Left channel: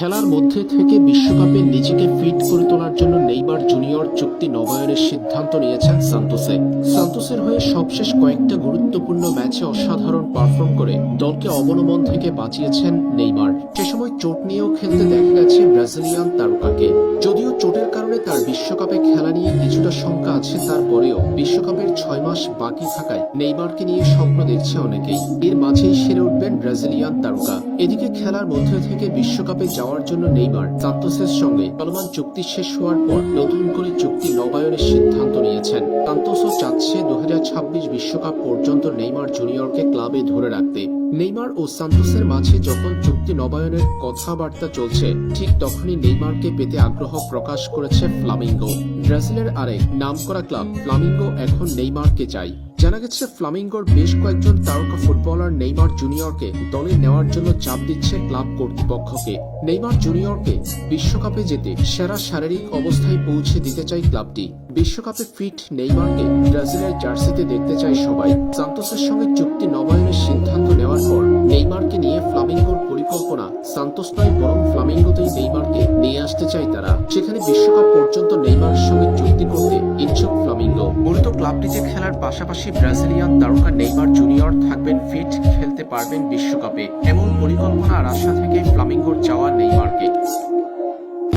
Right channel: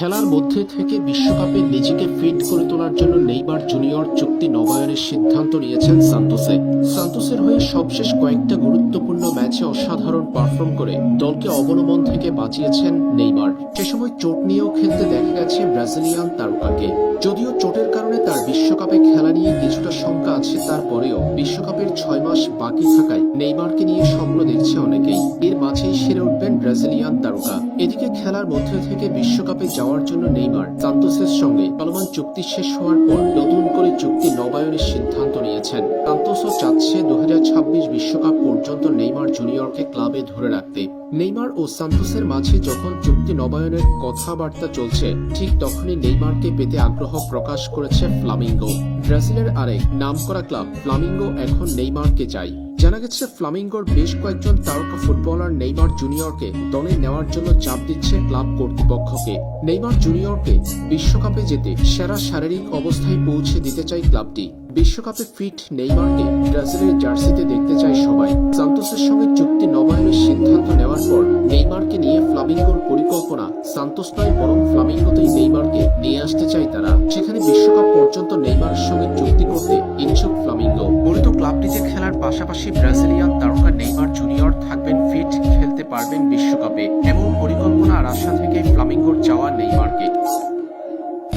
খেলার মধ্যে থেকে বিশ্বকাপে নিজেকে ফিট করে তোলার জন্য নেইমার জুনিয়র চুক্তি নবায়নের সিদ্ধান্ত নিয়েছেন সান্তোসে। সান্তোসের হয়ে সবশেষ কয়েকটা গুরুত্বপূর্ণ ম্যাচে অসাধারণ পারফর্ম করে দলকে অবনমন থেকে বাঁচিয়েছেন নেইমার। সে সময় চোট নিয়েও খেলতে দেখা গেছে ব্রাজিলিয়ান তারকাকে। যদিও চোটের কারণে তার বিশ্বকাপে খেলা নিয়ে কিছুটা শঙ্কা আছে, তারপরেও বিশ্বকাপের 6 মাস বাকি থাকায় নেইমারকে নিয়ে স্বপ্ন দেখছে অনেকেই। এর মাঝেই সেরে উঠবেন ব্রাজিলিয়ান তারকা। এদিকে খেলার মধ্যে থেকে বিশ্বকাপে যাওয়ার জন্য নেইমার সান্তোসের সঙ্গে চলমান চুক্তি শেষ হওয়ার পর নতুন করে চুক্তি নবায়নের সিদ্ধান্ত নিয়েছেন। সান্তোসও চাচ্ছে 2026 বিশ্বকাপ পর্যন্ত নেইমার জুনিয়রকে ক্লাবে ধরে রাখতে। নেইমার ও সান্তোসের মাঝে যখন চুক্তি নবায়নের কথাবার্তা চলছে, ঠিক তখনই নেইমারকে পেতে আগ্রহ প্রকাশ করেছে ফ্লামিঙ্গো। ব্রাজিলের আরেক নামকরা ক্লাব ফ্লামিঙ্গো এখন নেইমারকে চাই। জানা গেছে ফ্লামিঙ্গোর বেশ কয়েকজন তারকা ফুটবলার নেইমার জুনিয়রকে দলে নেওয়ার জন্য চাপ দিচ্ছে ক্লাব কর্তৃপক্ষকে। নেইমার জুনিয়রকে বিশ্বকাপে যেতে সেরা শারীরিক অবস্থায় পৌঁছে দিতে চায় ক্লাবটি। বিশ্বকাপে ফিট নেইমারকে ব্রাজিলের জার্সিতে দেখতে চায় সবাই। সান্তোসের সঙ্গে চুক্তি নবায়নের সিদ্ধান্ত নেওয়ার পর নেইমারকে নিয়ে ফ্লামিঙ্গোর পরিকল্পনা সান্তোস নয়, বরং ফ্লামিঙ্গোতেই নেইমারকে নিয়ে আসতে চায় তারা। সেখানে বিশ্বকাপ পর্যন্ত নেইমারের সঙ্গে চুক্তি করতে ইচ্ছুক ফ্লামিঙ্গো। মূলত ক্লাবটিতে খেলার পাশাপাশি ব্রাজিলিয়ান তারকা নেইমার জুনিয়র থাকবেন ফিট, খেলতে পারবেন বিশ্বকাপে, এমন পরিকল্পনা আর আশা থেকে ফ্লামিঙ্গোর চাওয়া নেইমারকে।